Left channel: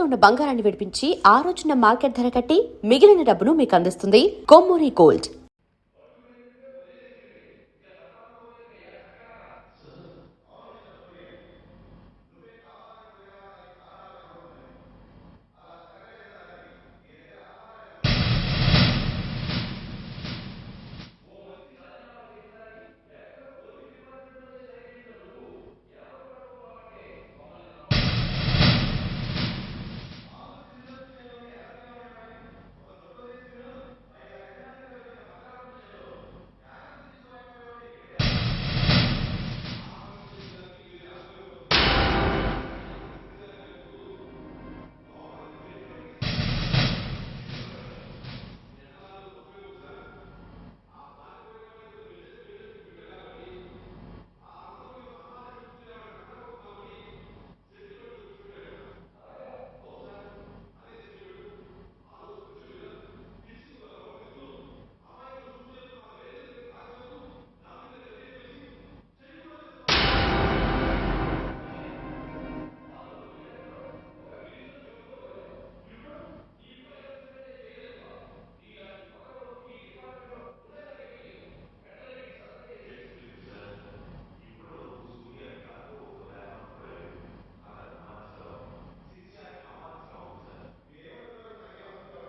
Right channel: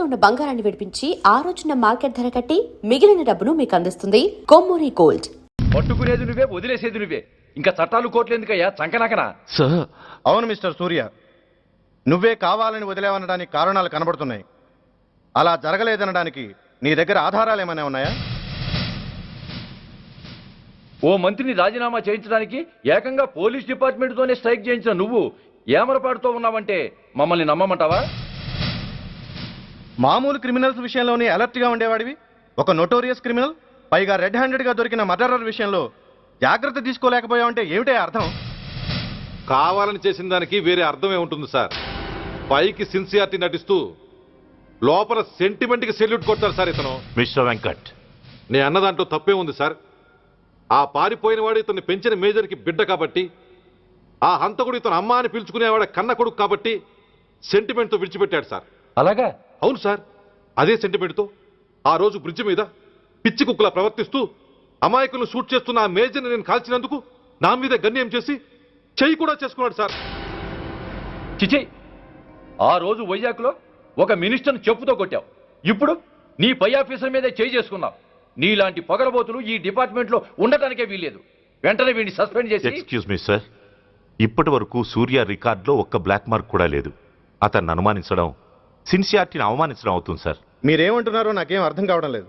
తాకట్లో ఉన్న బంగారాన్ని విడిపించి ఆ రోజున మార్కెట్ ధర కట్టి మిగిలిన డబ్బును మీకు అందిస్తుంది కొమ్మూరి గోల్డ్. పట్టుకునేది నువ్వే, వదిలేసేది నువ్వే. ఇంకా చట్టాలు కోట్లు ఎందుకయ్యా చంకనాకనా? సార్, అవును మిస్టర్ సూర్య, నువ్వే కావాలని వదిలేవనడానికి కారణాలు కనబడుతున్నాయి. అలా జరగలేదనడానికి నీ దగ్గర ఆధారాలు ఏమైనా ఉన్నాయా? ఓ మంత్రిని రాజీనామా చేయించడానికి ఏకంగా పోలీస్ డిపార్ట్మెంట్తోనే స్ట్రైక్ చేయించిన నువ్వు ఏమరపాటుతో ఉన్నావంటే మమ్మల్ని నమ్మమంటావా? మామూలు క్రిమినల్స్ విషయంలోనే అలర్ట్గా ఉండేవాడివి, ఒక నోటోరియస్ క్రిమినల్, పైగా రెడ్ హ్యాండెడ్గా దొరికిన మర్డరర్ విషయంలో జాగ్రత్త తీసుకోలేకపోయావంటే ఏమిటే అర్థం? కావాలని చేసిన దానికి వేరే అర్థమే ఉంటుంది సార్. పైకి సిన్సియారిటీ నటిస్తూ లోపల సెంటిమెంట్కి సెల్యూట్ కొట్టారు సార్ ఇతను. మిస్టర్ వెంకట్, నేను అన్న దాంట్లో తప్పే ఉంది సార్. ఆ పారిపోయిన వాడు ఇతన్ని పెంచిన మేజర్కి బిడ్డ కాబట్టి, ఆ హంతకుడు ఇతను అమ్మ అని పిలుచుకునేవాడు కన్న కొడుకు కాబట్టి సెంటిమెంట్తో విడిచిపెట్టాడు సార్. అలాగా? అవును సార్, అదే సెంటిమెంట్తో ఆ రోజు బ్రిడ్జ్ మీద పిచ్చి కుక్కలా ప్రవర్తిస్తూ అమాయకులను షూట్ చేస్తున్న ఆ మేజర్ని నేను కాల్చినందుకు నా మీద గన్యం చేసి చెయ్యి కూడా చేసుకున్నాడు సార్. చిచి, ఆ రోజు వైజాగ్లో ఒక మినిస్టర్ని చెప్పుతో కొట్టావు, ఇప్పుడు నీ పై ఆఫీసర్ మీదే చేయి చేసుకున్నావు. నీలాంటి పొగరబోతులు ఈ డిపార్ట్మెంట్లో ఉండటానికే వీల్లేదు. వెంటనే వీడిని సస్పెండ్ చేసి. ఎక్స్క్యూజ్ మీ సార్, ఇప్పటి వరకు సూర్య రికార్డులో ఒక్క బ్లాక్ మార్క్ కూడా లేదు. అతన్ని అనుమానించడం సిన్సియారిటీని అవమానించడం అవుతుంది సార్. మీరేమంటున్నారో నాకేం అర్థం కావడం లేదు.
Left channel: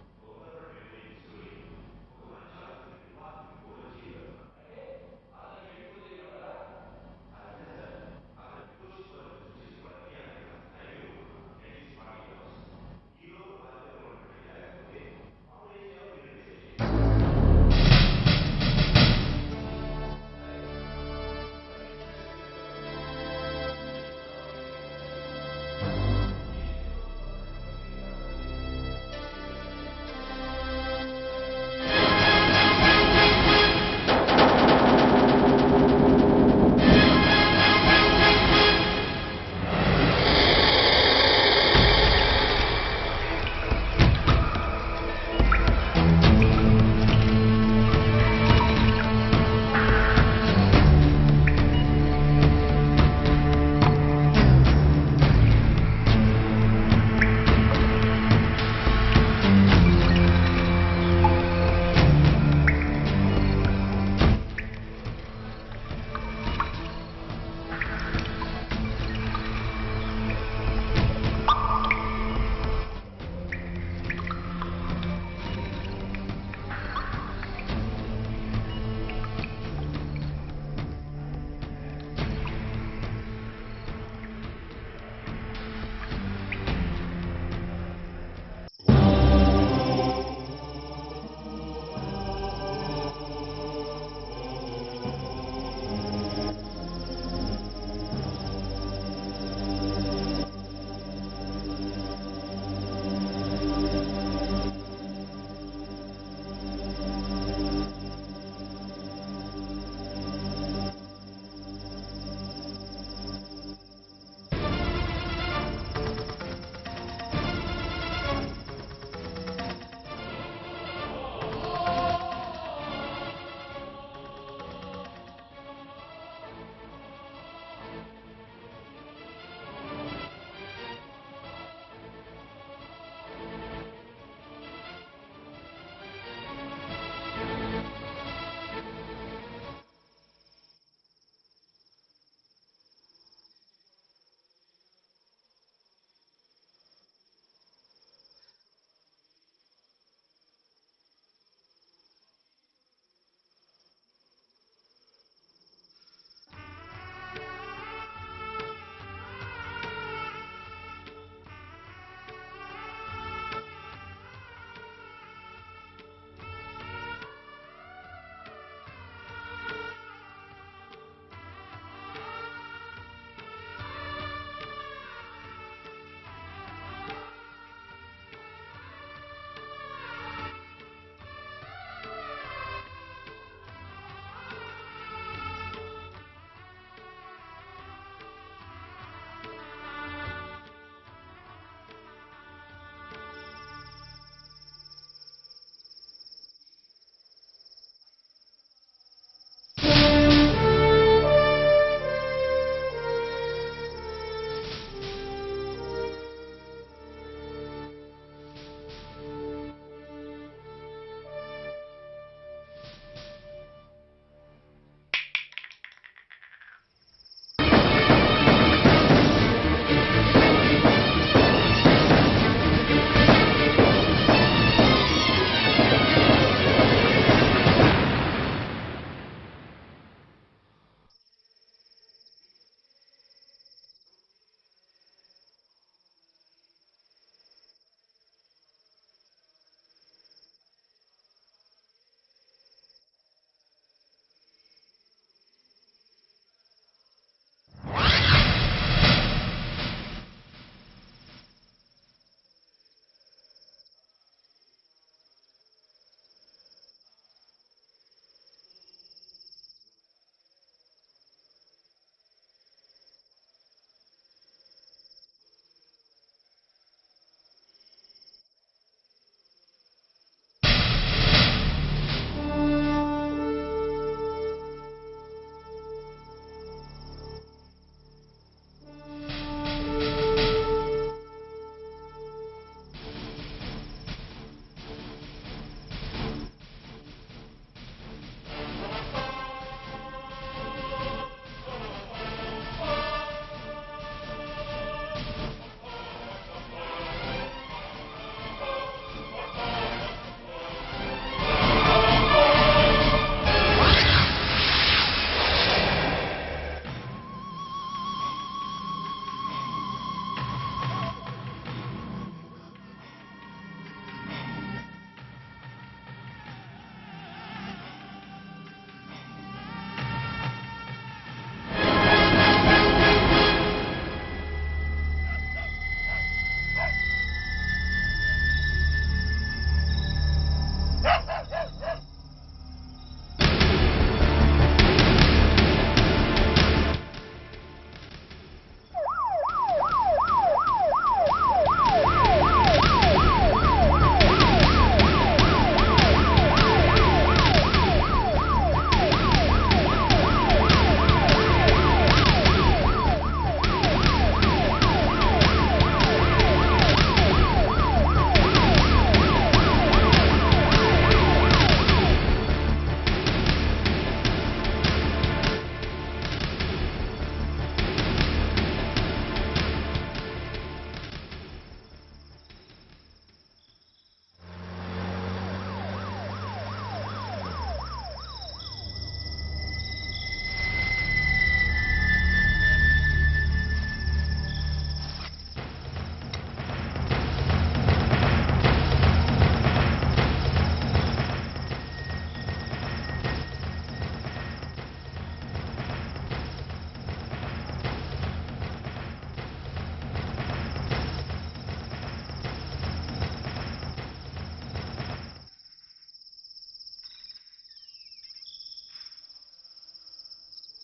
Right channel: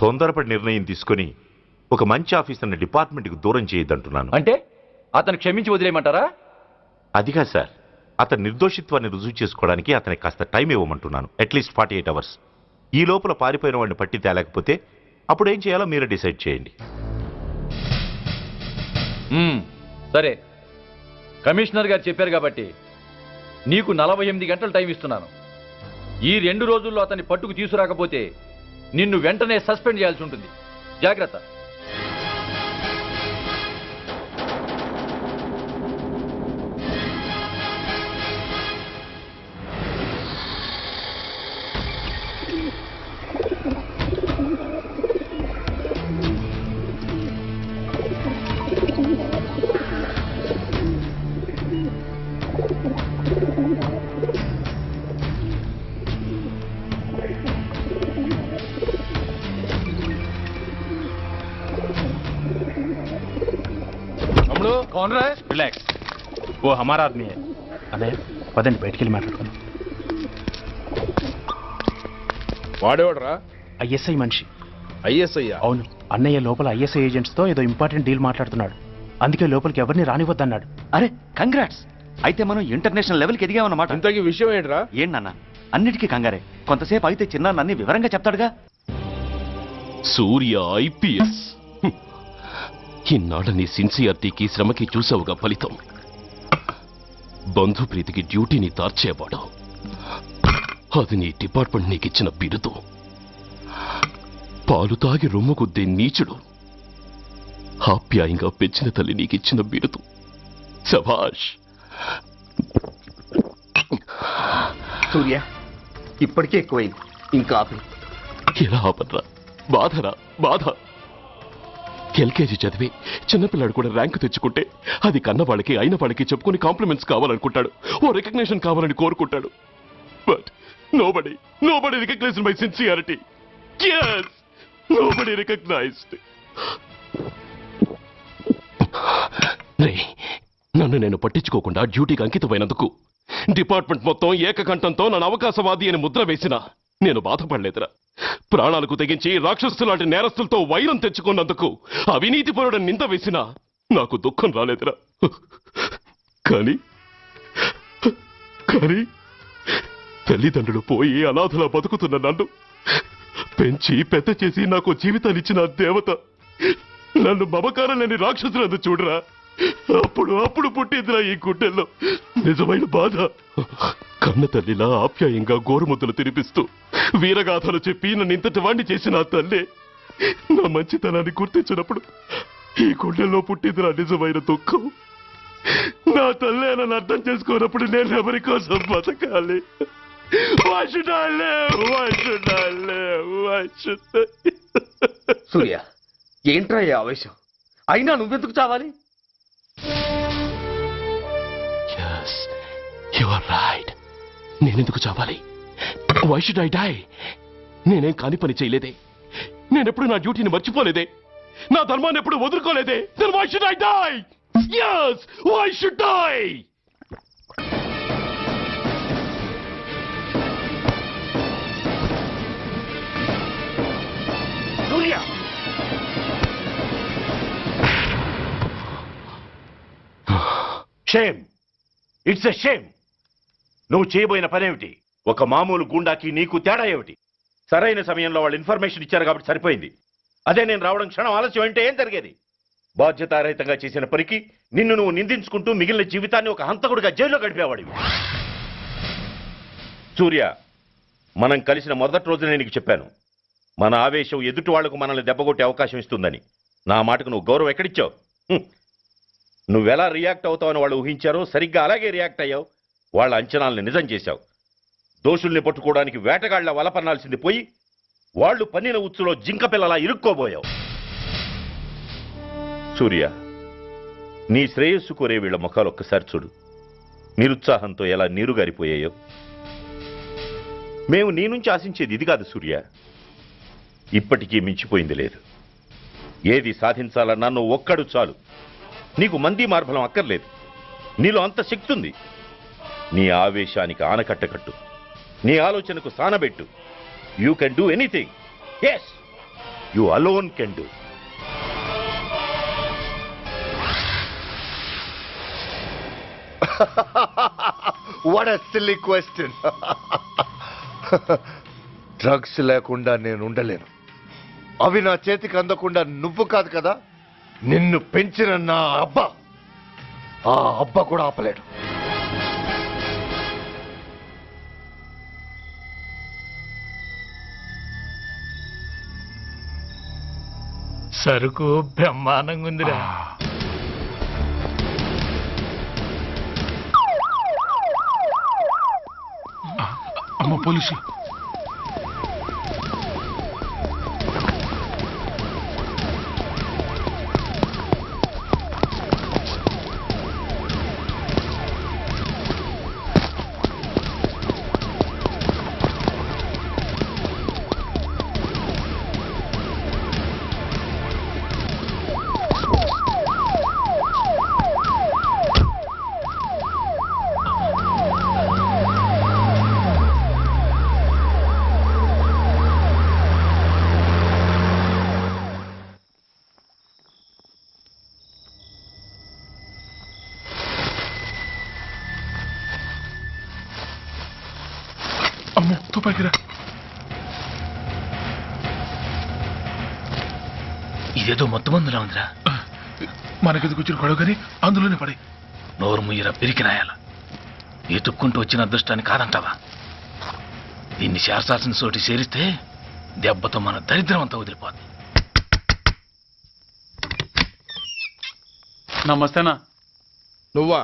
తొందరపడి నిర్ణయం తీసుకుని ఒక మంచి ఆఫీసర్ని డిపార్ట్మెంట్కి దూరం చేయొద్దంటున్నాను. అంటే అతను క్షమించి వదిలేయమంటారా? అదిగా సార్, అతని నిర్దోషిత్వాన్ని రుజువు చేసుకోవడానికి అతనికి కాస్త టైం ఇవ్వమంటున్నాను. At least 48 hours. ఈ లోపల పారిపోయిన వాడిని పట్టి తేలేకపోతే అప్పుడు ఏం చేయాలో మీరే డిసైడ్ చేయండి. సరే, కమిషనర్ గారు చెప్పారు కాబట్టి నీకు 48 గంటలు టైం ఇస్తున్నాను. ఈ 2 రోజుల్లో అతన్ని పట్టుకు తీసుకురాకపోతే నిన్ను వెంటనే సస్పెండ్ చేయాల్సి ఉంటుంది. జాగ్రత్త. कौन रहा है? रिलैक्स, वो हमारा आदमी है. अबे पदन बैठ के माట్లాడుకో. వాడేవాడరా? ఐఎస్ఐ మనిషి. ఐఎస్ఐ? అవును, అన్నయ్య లోపల ఐఎస్ఐ ఏజెంట్స్ తో ఏదో ఇంపార్టెంట్ డీల్ మాట్లాడుతున్నాడు. అందుకే లోపలికి ఎవరిని రానివ్వద్దన్నాడు. అరే కంగ్రాట్స్, అయితే మనం ఇంటర్నేషనల్ లెవెల్కి ఎదిగామన్నమాట. ఇంతకీ విషయం ఏంట్రా? ఏంటన్నా అన్నిటికీ కంగారే, కొంతసేపు అయితే చిన్న అన్ని వివరంగా చెప్తాడుగా. సూర్య ఐపీఎస్, ఇన్నాళ్ళ నీ సిన్సియారిటీకి శ్రమకి చూసావుగా ఫలితం. బంధుప్రీతికి డ్యూటీని తార్చేవాడు. అది నీ డిపార్ట్మెంట్ నీకిచ్చిన బిరుదు. పాలు తాగి రొమ్ము కొద్దే నీచుడు ఆప్యాయంగా పెంచిన తల్లి నీకిచ్చిన బిరుదు. శభాష్. సూర్య, ఇప్పటికే ఎక్కువైంది, ఇంకా ఎలా ఆపట్రా? బాధరా బాధ. ఎల్కేజీ చదివి చిన్నపిల్లాడు కూడా ర్యాంకు తెచ్చుకుంటే అది కన్నవాళ్ళకి అయిన వాళ్ళకి చెప్పుకుని కాంప్లిమెంట్స్ కావాలనుకుంటాడు, ఓ రికగ్నిషన్ కావాలని కోరుకుంటాడు. But nobody recognized my sincerity. yes, nobody recognized. నన్ను నేను పట్టించుకోకుండా డ్యూటీకి అంకితమైనందుకు డిపార్ట్మెంట్ మొత్తం ఏకకంఠంతో నన్ను అవకాశవాది అని ముద్ర వేసినా నేను బాధపడలేదురా. ప్రాణాలకు తెగించి రాక్షసు లాంటి నేరస్తులతో వైరం తెచ్చుకున్నందుకు అవినీతిపరుడని నింద వేసినా నాకు దుఃఖం రాలేదురా. కానీ తల్లిదండ్రులు పోయి అనాథలా బతుకుతున్న నన్ను పెంచి పెద్ద చేసి నాకు జీవితాన్నిచ్చిన దేవత నన్ను మమకారం లేని రాక్షసులందు చూడరా. అప్పుడు పుట్టిందిరా ఈ గుండెల్లో నిజమైన బాధ. కన్న తల్లిలా ఆప్యాయంగా గోరుముద్దలు తినిపిస్తూ వీరగాథలు చెప్పి నన్ను ఇంతటి వాణ్ణి చేసిన ఆ తల్లే నా మంచితనాన్ని గుర్తించినప్పుడు ఈ గుండెల్లో పుట్టిందిరా నిజమైన దుఃఖం. నా తల్లే నన్ను అర్థం చేసుకోనప్పుడు నేను ఎవరి కోసం బతకాలి? సూర్య, ఏంట్రా ఈ ఆవేశం? అయినా నువ్వెందుకు చావాలి? యు ఆర్ రైట్, నేనెందుకు చావాలి? Why should I die? నేనేం కాని పని చేయలేదే, నేనెప్పుడు నా డ్యూటీని మర్చిపోలేదే, నా ధర్మాన్ని ఎప్పుడు వదులుకోలేదే. Then why should I die? yes, why should I? Shame, it's a shame. నువ్వు చేయబోయిన పనేమిటి? ఒక మామూలు గుండాకి నీకు తేడా ఏమిటి? సరైన సమయంలో వాళ్ళు ఇన్ఫర్మేషన్ ఇచ్చారు కాబట్టి సరిపోయింది. అదే నేను రావడం క్షణం ఆలస్యం అంటే ఏం జరిగేది? బాధ్యతారహితంగా చేసిన పనికి నిన్ను నువ్వు నిందించుకుంటూ మిగిలిన జీవితాన్ని ఒక హంతకుడిగా జైల్లో గడిపేవాడి. సూర్య, మనం కలిసిన మొదటి రోజునే నీకు చెప్పాను, మన ఆవేశం ఎదుటి వాళ్లకు మనల్ని దెబ్బకొట్టే అవకాశం ఇస్తుందని. నా మాటకు నువ్వు గౌరవం ఎక్కడిచ్చావు? నువ్వెలా రియాక్ట్ అవుతావని వాళ్ళు ఊహించారో సరిగ్గా అలాగే రియాక్ట్ అయ్యావు. వాళ్ళ అంచనాలను నిజం చేశావు. దోషుల్ని పట్టుకోవడానికి వేటగాళ్ల వలపన్నాల్సింది పోయి వాళ్ళు పన్నిన ఉచ్చులో జింక పిల్లలా ఇరుక్కోబోయావు. సూర్య, నీ శ్రేయస్సు కోరే వీళ్ళ ముఖాలు ఒక్కసారి చూడు. నిరుత్సాహంతో ఎలా నీరుగారిపోయాయో. మేము నీ నుంచి ఆశించేది ఇది కాదు సూర్య. ఇప్పటికీ మించిపోయింది లేదు. ఏది సాధించాలన్నా నువ్వు ఒక్కడు చాలు. నీకు మంది మార్బలం అక్కర్లేదు. నీలో అంత శక్తి ఉంది. నీ ఆవేశానికి ఆనకట్ట కట్టు, నీ ఆలోచనకు సానబెట్టు. You can do anything. Yes, you alone can do. What a silly question. Drugs లేకుండా నేను ఉండలేను. అవి నా చేతికి అందకుండా నువ్వు కాదు కదా, నిన్ను పెంచిన నా అబ్బా, ఆ అబ్బా కూడా ఆపలేడు. సరుకు బ్రహ్మాండంగా ఉందిరా. అమ్మ పోలీసు. అమ్మో, తుపాకిరా. ఇదేదో మొత్తం మందులా ఉందిరా. మనకెందుకు వచ్చిన గొడవ కానీ అందులోనే పడి. నోరు ముయ్యరా పిరికినాయాల. ఎత్తుక్కుంటూ వచ్చిన అదృష్టాన్ని కాదంటావా? దీన్ని చేర్చాల్సిన చోటి చేరిస్తే దెబ్బతో మన దరిద్రం అంతా వదిలిపోదు. నమస్తేనా. నువ్వా?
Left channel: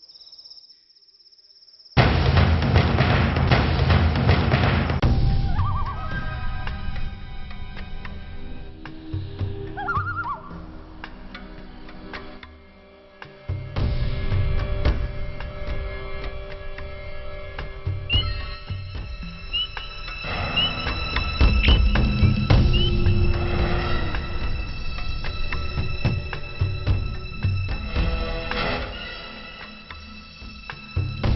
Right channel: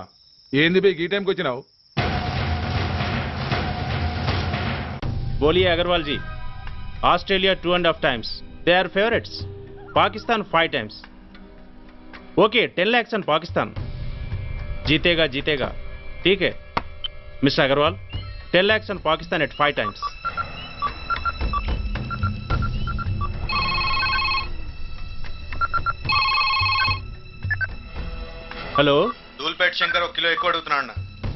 ఏంది బే ఈ టైంకి వచ్చినావు? बोलिए Agarwal ji. Australia 2.5 times. They are favorites. Pakistan 5 times. Okay, 10 lakhs on Pakistan. जीतेगा जीतेगा. ठीक है mister Agarwal, 10 lakhs on Pakistan at 5 times. Hello, Dhoolpet Shankar ఒక కిలో ఎక్కువ అడుగుతున్నాడు.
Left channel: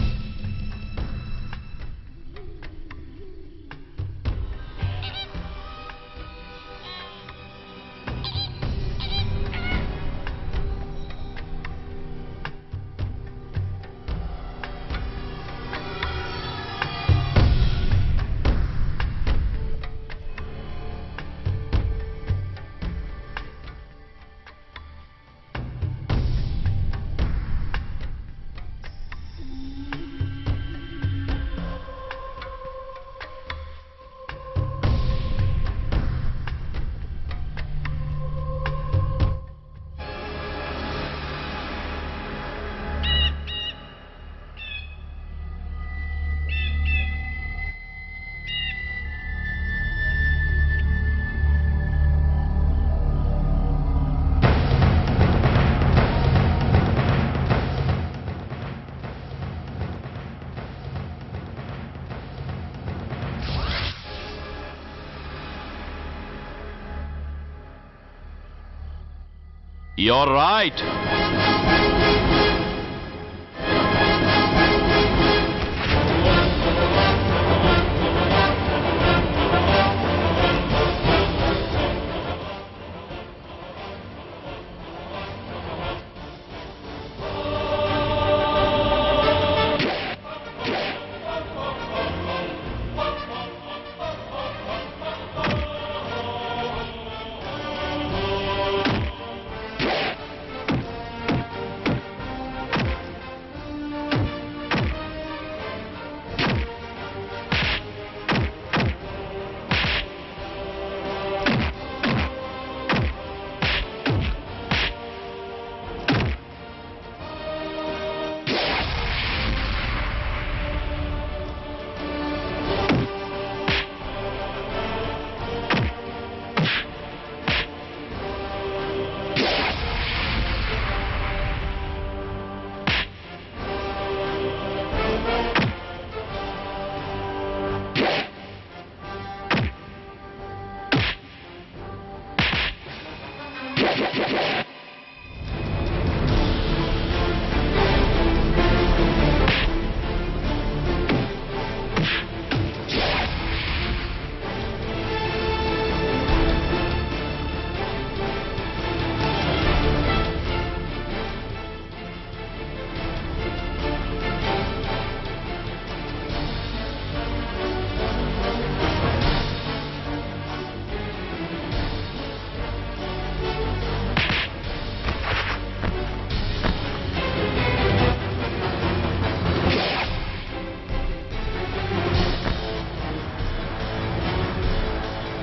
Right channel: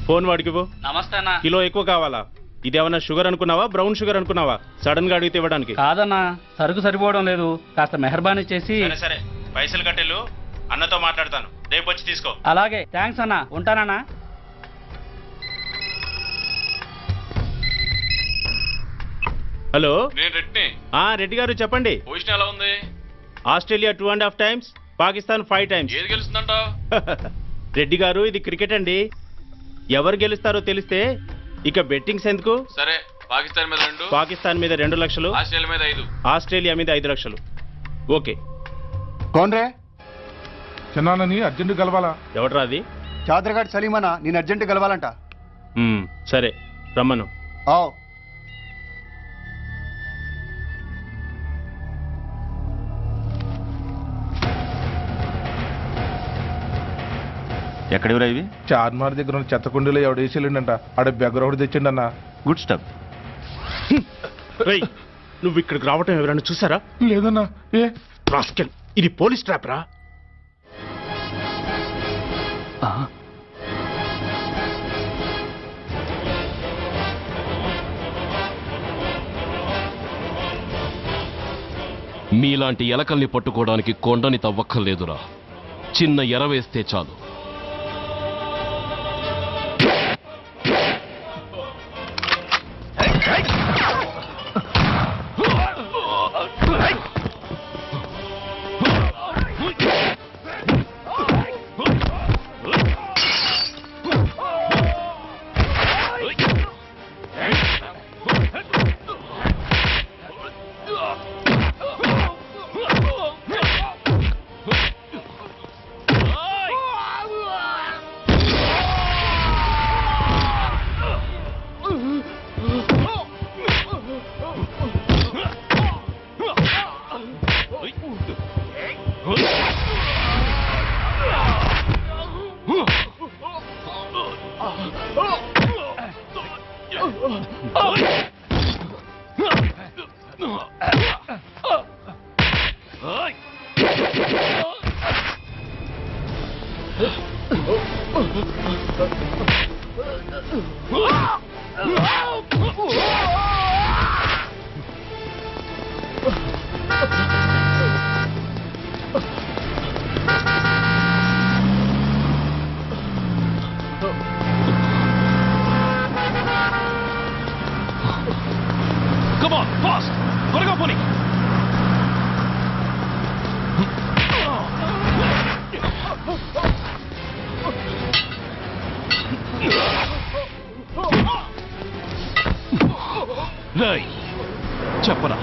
ఫోన్ వాడికి పో. నమస్తే అన్న. కిలో ఎక్కువ కావాలా? ఇదేమన్నా షుగర్ అనుకున్నావా, బ్రౌన్ షుగర్ అనుకున్నావా? సడన్ గా అడిగితే ఇవ్వడానికి కాదన్నా, సరుకు సరిపోవడం లేదు. కాస్త మెహర్బానీ చేసి. సరే, పైసలు కట్టెలు అన్నతో మాట్లాడతాను, రేపు వచ్చి తీసుకో. అలాగే, థ్యాంక్స్ అన్న. ఉంటానన్నా. హలో, నేను రెడ్డిని. రెడ్డి గారు చెప్పండి. పొజిషన్ ఎలా ఉంది? Australia 2.5 times, Pakistan 5 times. ఏది గెలుస్తుందంటావు? రెడ్డి గారు, ఇది క్రికెట్ అండి. ఎవరు గెలుస్తారో తెలిస్తే ఇక బెట్టింగ్స్ ఎందుకు? సరే, పాకిస్తాన్ మీద 2, పాకిస్తాన్ మీద 2 లక్షలు, ఆస్ట్రేలియా మీద 5. ఆస్ట్రేలియా మీద 5 లక్షలు. ఓకే. కోన్రే? చిన్నాన్నని అర్జెంట్ కలవాలా? ఎవడరా అది? చాదరగాడ్ సలీమనా, నేను అర్జెంట్ కలవాలంట. సరే, రమ్మను. ఎక్కడెవరా ఇవి? చార్మార్ దగ్గర ఉన్న చెత్త కుండీలో ఎవడు వేసేళ్ళంట. ఆడ బెగ్గరొకటి తెచ్చిండన్నా. Good stuff. రేయ్, నువ్వు ఇక్కడికి రావటం ఎవరైనా చూసారా? లేదన్నా. ఏ రాస్కెల్, ఇది పోలీస్ ట్రాప్ రా. You're right. మీలాంటి ఎలకల్ని పట్టుకోవడానికి కొండని తవ్వక్కర్లేదురా, చిన్న ఎర వేస్తే చాలు. చెప్పరా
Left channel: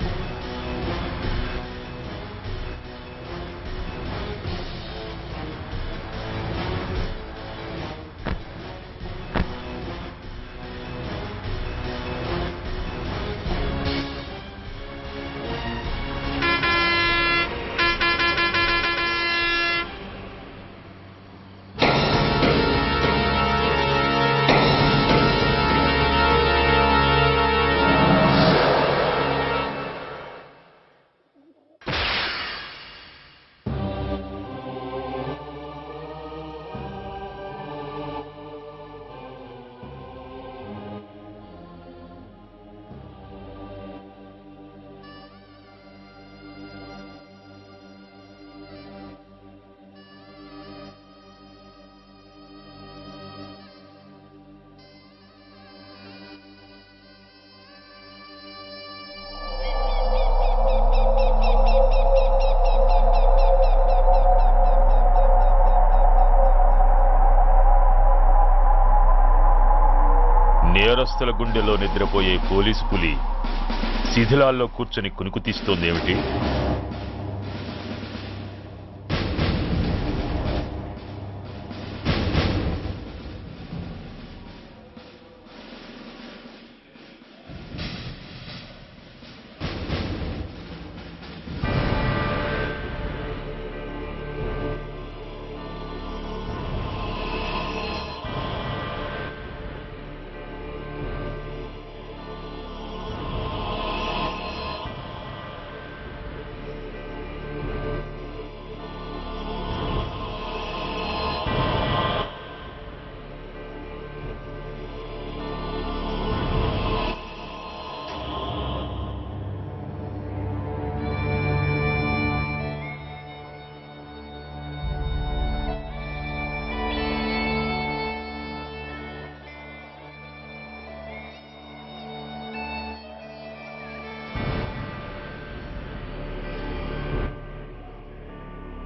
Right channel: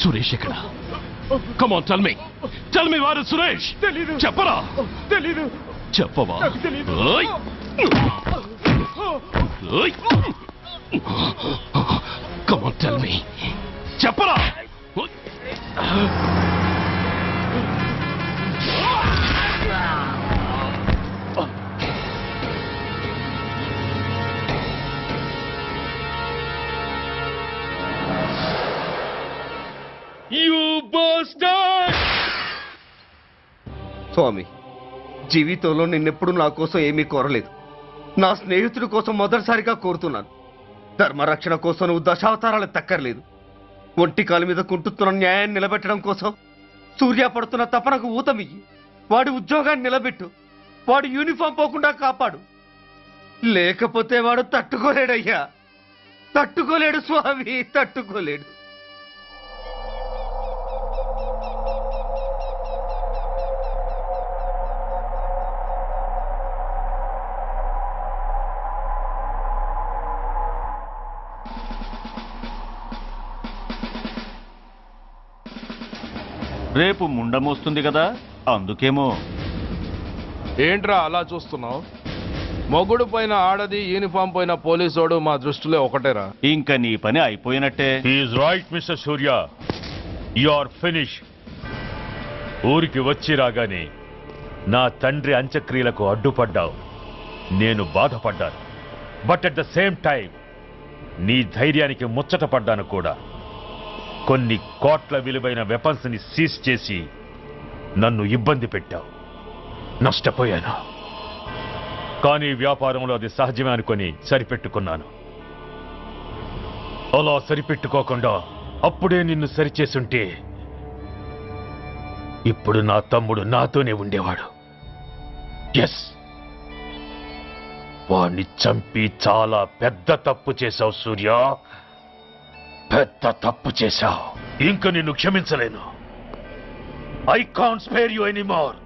సురేష్ ఎక్కడ? కమ్ ఆన్, టెల్ మీ వారు సురేష్. చెప్పరా? తెలీదు. చెప్పవా? Come on, tell me. చెప్పరా? స్వామి, జీవితంలో నిన్నెప్పుడు నా కోసం ఏమీ కోరలేదు. నా స్నేహితుడి కోసం మొదటిసారిగా కోరుతున్నాను. ధర్మరక్షణ కోసం నువ్వు దశావతారాలు తక్కర్లేదు. ఒంటి కాలు మీద కుంటుతున్న న్యాయాన్ని నిలబెట్టడం కోసం సూర్య పడుతున్న తపనకు ఊతమియ్యి. వాడి ఉద్యోగాన్ని నిలబెట్టు. వాడు యూనిఫామ్ పోకుండా కాపాడు. లేకపోతే వాడు తట్టుకోలేడయ్యా, తట్టుకోలేడు స్వామి, తట్టుకోలేడు. నేరస్తుల గుండెలో నిద్రపోయే పోలీసు పులి శిథిలాల్లో కూర్చొని కునుకు తీస్తోందేమిటి? రేపు ముండమొస్తుంది కదా, అందుకేమో. ఏంట్రా అలా చూస్తున్నావు? మొగుడు పైన ఆడది, యూనిఫామ్ పైన పోలీసోడు మా దృష్టిలో ఒకటేరా. ఇంకా నీ పని అయిపోయినట్టే. He is right mister Surya, you are finish. ఊరికి వచ్చి రాగానే నా తండ్రి అంత్యక్రియలకు అడ్డుపడ్డావు. నేను బాధపడ్డాను. But at the same time నీ ధైర్యానికి ముచ్చట పడ్డాను కూడా. కొన్ని కోట్ల విలువైన వెపన్స్ ని సీజ్ చేసి నన్ను ఇబ్బంది పెట్టావు. నష్టపోయాను. కానీ వ్యాపారంలో అది సహజమే అనుకొని సరిపెట్టుకున్నాను. అలా సరిపెట్టుకోకుండా అప్పుడే నిన్ను సరిచేసుంటే ఇప్పుడు నా తమ్ముడు నాతోనే ఉండేవాడు. ఎస్, వాణ్ణి చంపి చాలా పెద్ద తప్పు చేశావు సూర్య, పెద్ద తప్పు చేశావు. ఇంక నిన్ను క్షమించలేను. I can't spare you anymore.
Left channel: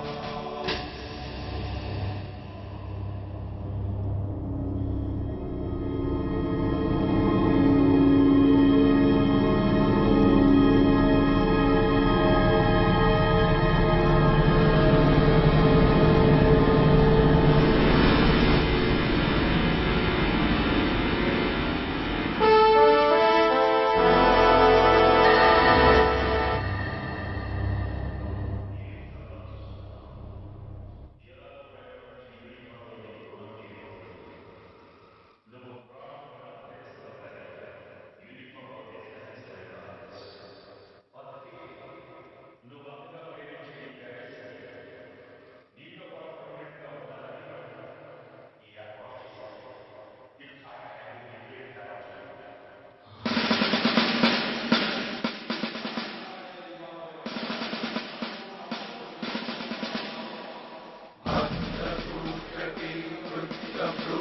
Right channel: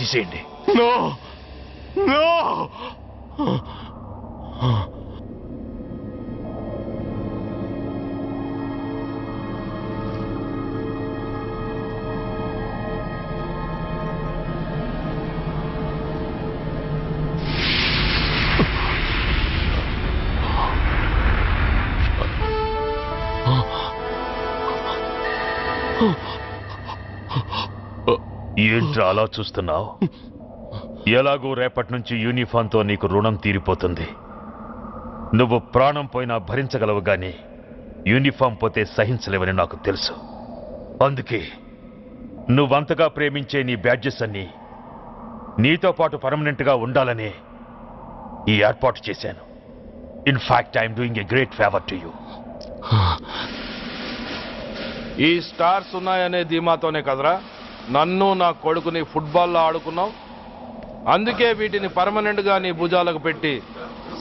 తీసేయండి. నో నో ఏంట్రా అలా చూస్తున్నావు? ఎలాగో రేపటి నుంచి యూనిఫామ్తో నీకు రుణం తీరిపోతుంది. నువ్వు ప్రాణం పోయినా భరించగలవు గాని యూనిఫామ్ పోతే సహించలేవని నాకు తెలుసు. అందుకే నువ్వంతగా ప్రేమించే నీ బ్యాడ్జెస్ అన్ని నీతో పాటు పర్మనెంట్గా ఉండాలని ఈ ఏర్పాటు చేశాను. In fact I'm doing a great favour to you. ఈ స్టార్స్ ఉన్నాయనే ధీమాతోనే కదరా నన్ను నా కొడుకుని ఫుట్బాల్లో ఆడుకున్నావు. అందుకే వీటిని పర్మనెంట్ గా నీ భుజాలకు పెట్టి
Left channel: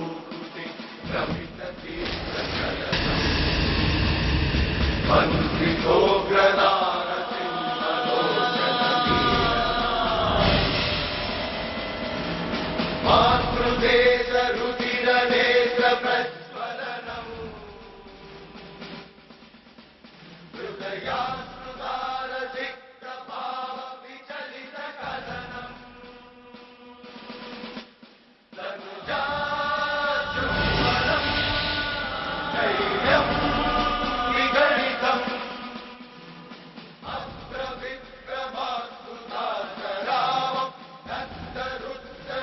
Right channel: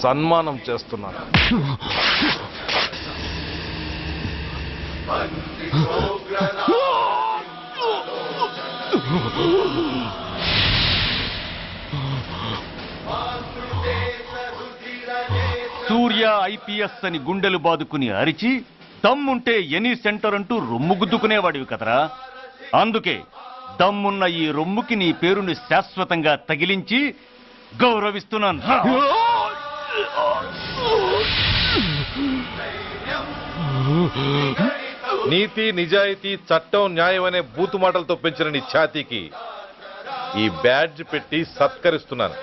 సన్మానం చేస్తున్నాను. సూర్య ఐపీఎస్ అని గుండెలు బాదుకుని అరిచి దమ్ముంటే ఎనీ సెంటర్ అంటూ రొమ్ము గుద్దుకునేవాడివి కదరా. అందుకే దమ్మున్న ఈ రొమ్ముకి నీ పేరుని శాశ్వతంగా తగిలించి గౌరవిస్తున్నాను. నీతి, నిజాయితీ, చట్టం, న్యాయం అనే బూతు మాటలతో పెంచిన నీ ఛాతీకి ఈ బ్యాడ్జ్ పెట్టి సత్కరిస్తున్నాను.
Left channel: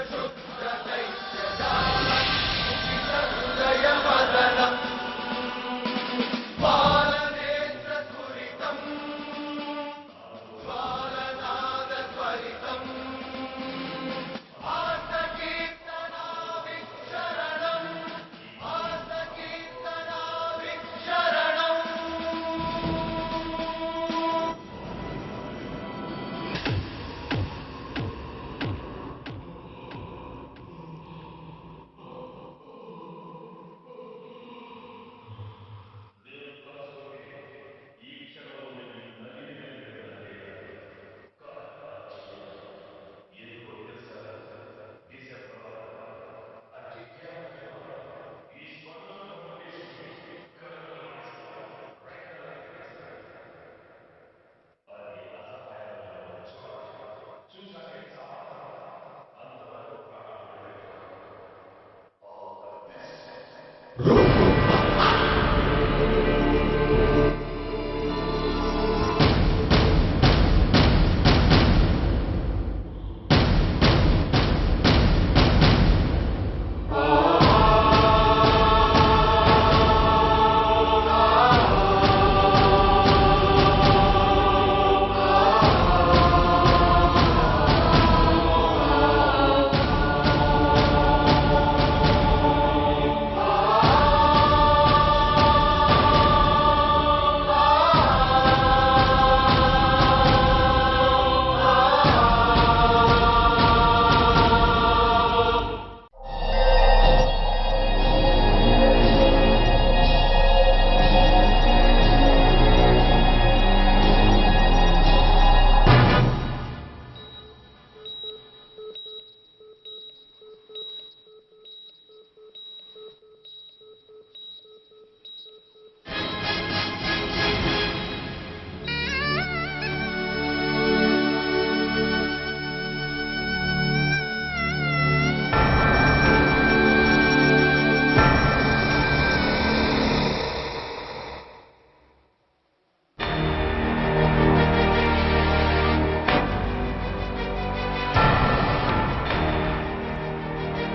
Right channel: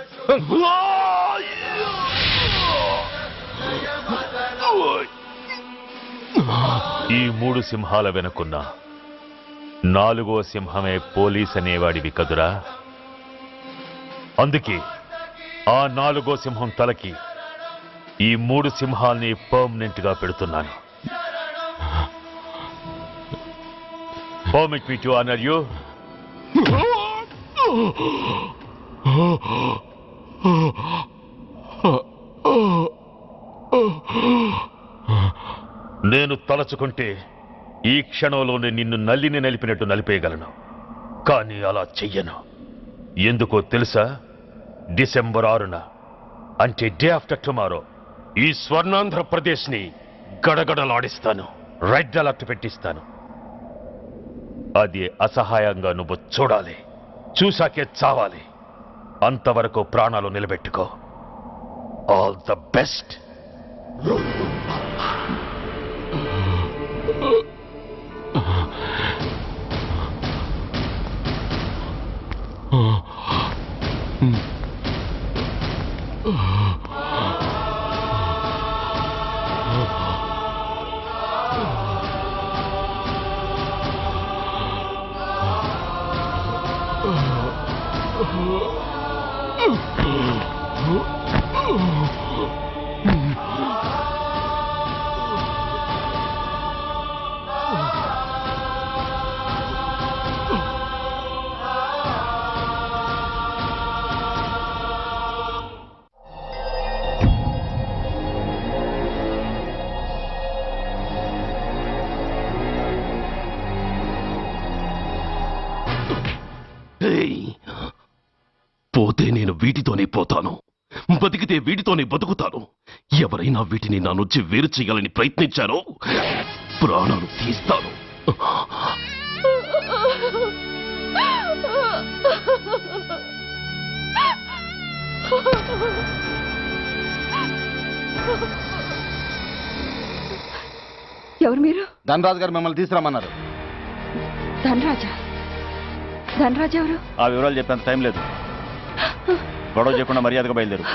ఈ 3 సింహాల వెనుకున్న 4వ సింహమే పోలీస్ అనేవాడివి కదురా. అందుకే ఆ 4వ సింహం తలకి ఈ 3 సింహాల్ని పర్మనెంట్ గా పెడుతున్నాను. Permit me to honor you. నేను తలచుకుంటే ఈ క్షణంలోనే నిన్ను నల్లిని నలిపినట్టు నలిపేయగలను. కానీ అలా చెయ్యను. ఎందుకో తెలుసా? డిసెంబర్ 6న అంటే డే ఆఫ్టర్ టుమారో ఈ స్వర్ణాంధ్రప్రదేశ్ని గడగడలాడిస్తాను. రెడ్ అలర్ట్ పెట్టిస్తాను. అది అసహాయంగా నువ్వు చూడాలి. చూశాకే చావాలి. అంతవరకు ప్రాణాలు నిలబెట్టుకో. All the best. పోతే నేను వీటితోనే పోతాను, బతికితే వీటితోనే బతుకుతాను. ఎవరైనా వీటిని నా నుంచి వేరు చేయాలని ప్రయత్నించారో ప్రాణం ఇస్తాను. ఎవరు మీరు? ధనరాజు గారు మిమ్మల్ని తీసుకురమ్మన్నారు. ధనరాజు ఎవరు? ఆ వివరాలు చెప్పాను, టైం లేదు. గొడవ చెప్పకుండా మర్యాదగా బయలుదేరు.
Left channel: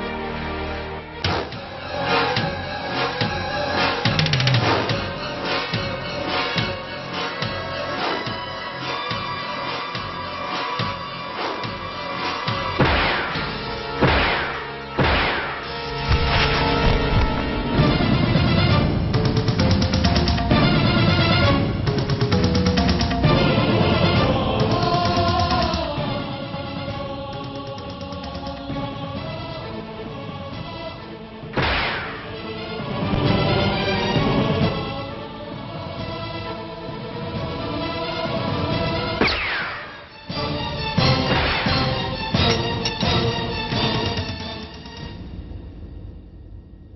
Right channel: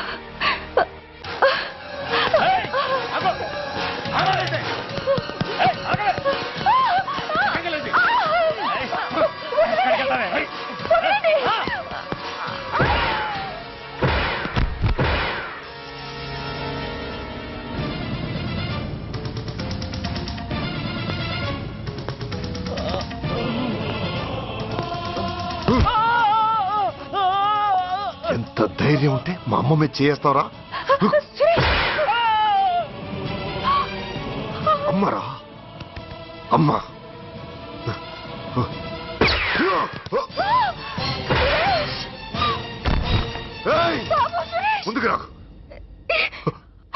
ధైర్యం ఉంటే మా అమ్మ మీద చేస్తావరా? అమ్మరా అమ్మ.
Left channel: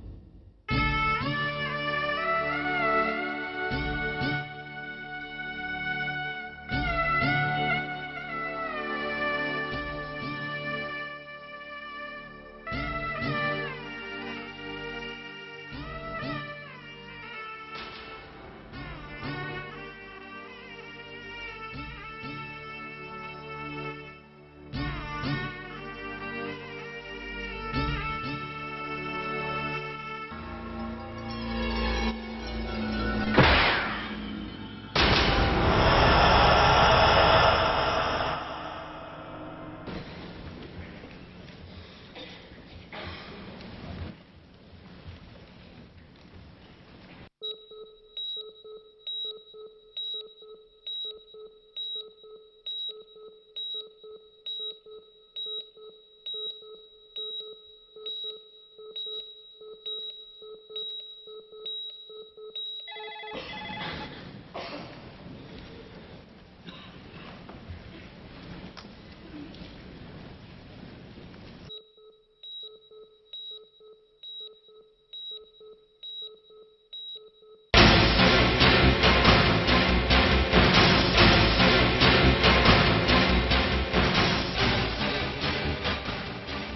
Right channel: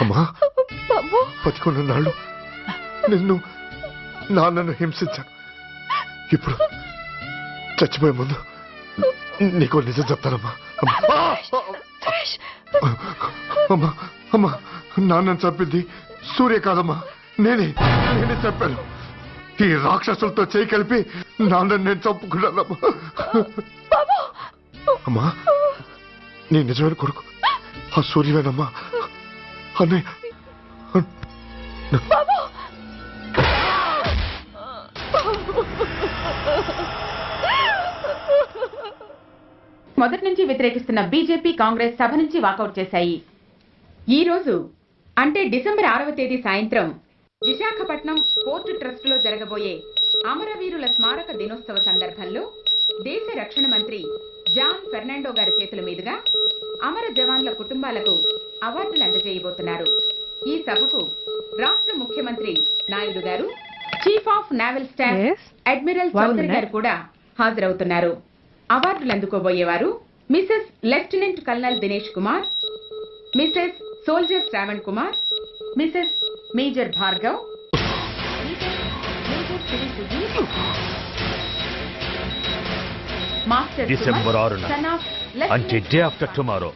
అమ్మా బతికున్న నాళ్ళు నిన్ను నాన్నను హింసించాను. ఇప్పుడు చచ్చిపోయే ముందు నీకు నిజం చెప్తానమ్మా. అమ్మా అమ్మా నాన్నను చంపింది సూర్య కాదమ్మా, నేనే చెప్పాను. ఈ రాక్షసులతో చేయి కలిపి నాన్నను నేను చంపుకున్నానమ్మా. అమ్మా నీ నిజమైన కొడుకు ఆ సూర్యవేనమ్మా. అన్నయ్య మొదటి నుంచి వ్యతిరేకిస్తున్న బీజేపీ, కాంగ్రెస్ సభ నుంచి వాకౌట్ చేశాయి. ఈ రోజు అంటే డిసెంబర్ 6వ తేదీ సాయంత్రం విశాఖపట్నం పోర్టు ట్రస్టులో జరగబోయే అమరవీరుల స్మారక దినోత్సవ సందర్భంలో దేశ రక్షణ మంత్రి జాన్ ఫెర్నాండో గారి చేతుల మీదుగా అమర జవాన్ల కుటుంబాలకు అవార్డులు అందజేయబోతున్నారు. ఈ సభకు రాష్ట్ర ముఖ్యమంత్రి నాయుడు గారు, chief of naval staff admiral Chowdary గారు కూడా హాజరవుతున్నారు. అవార్డులు అందుకోబోయేవారు Mrs lieutenant colonel Dinesh Kumar, Mrs soldier Shravan Kumar, Mrs major Bhargav, master December 6 అంటే డే ఆఫ్టర్ టుమారో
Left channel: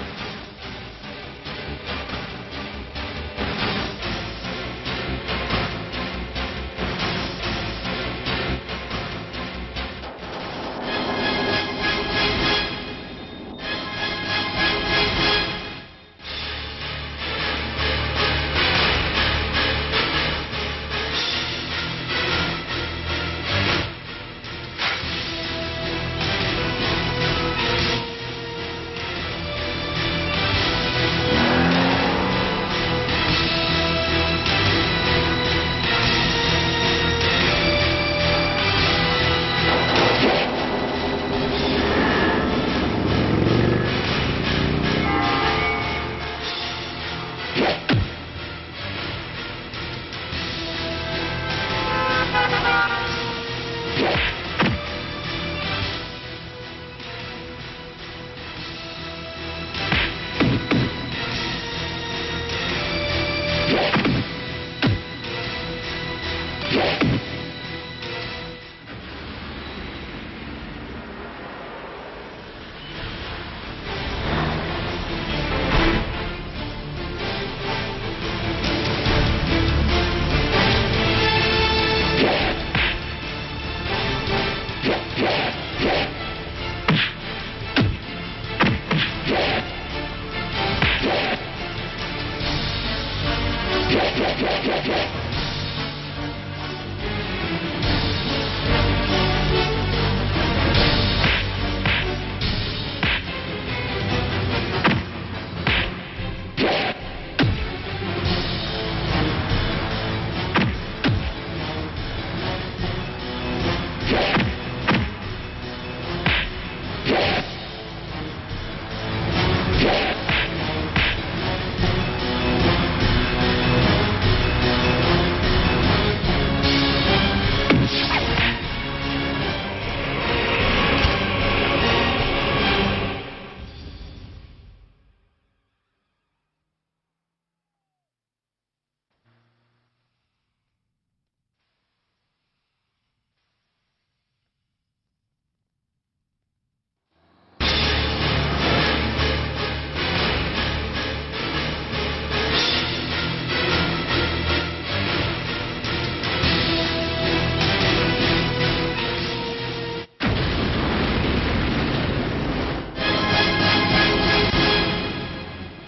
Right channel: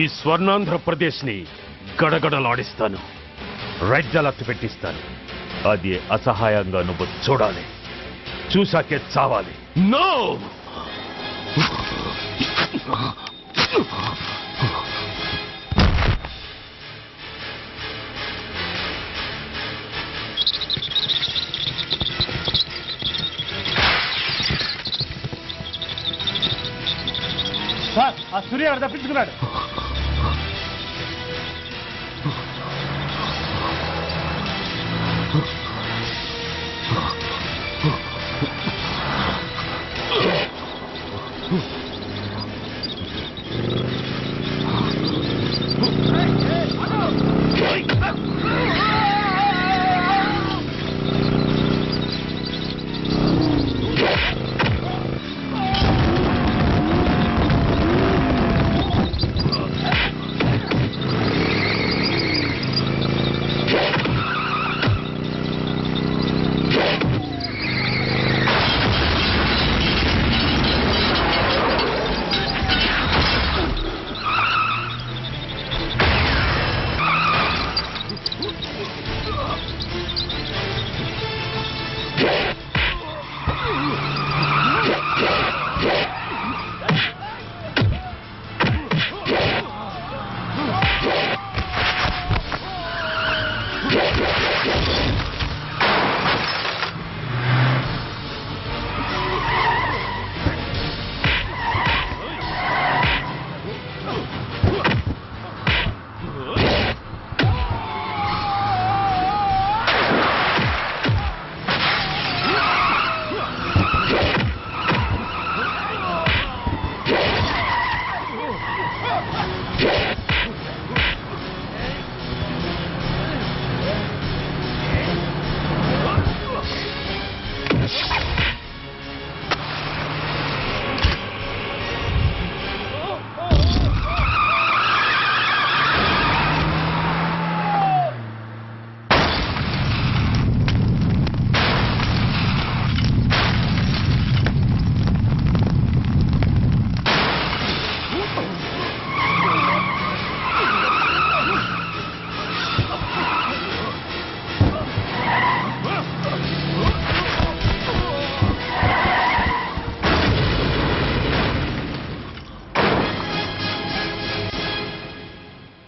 ఈ స్వర్ణాంధ్రప్రదేశ్ ని గడగడలాడిస్తాను, రెడ్ అలర్ట్ పెట్టిస్తాను. అది అసహాయంగా నువ్వు చూడాలి, చూసాకే చావాలి. నో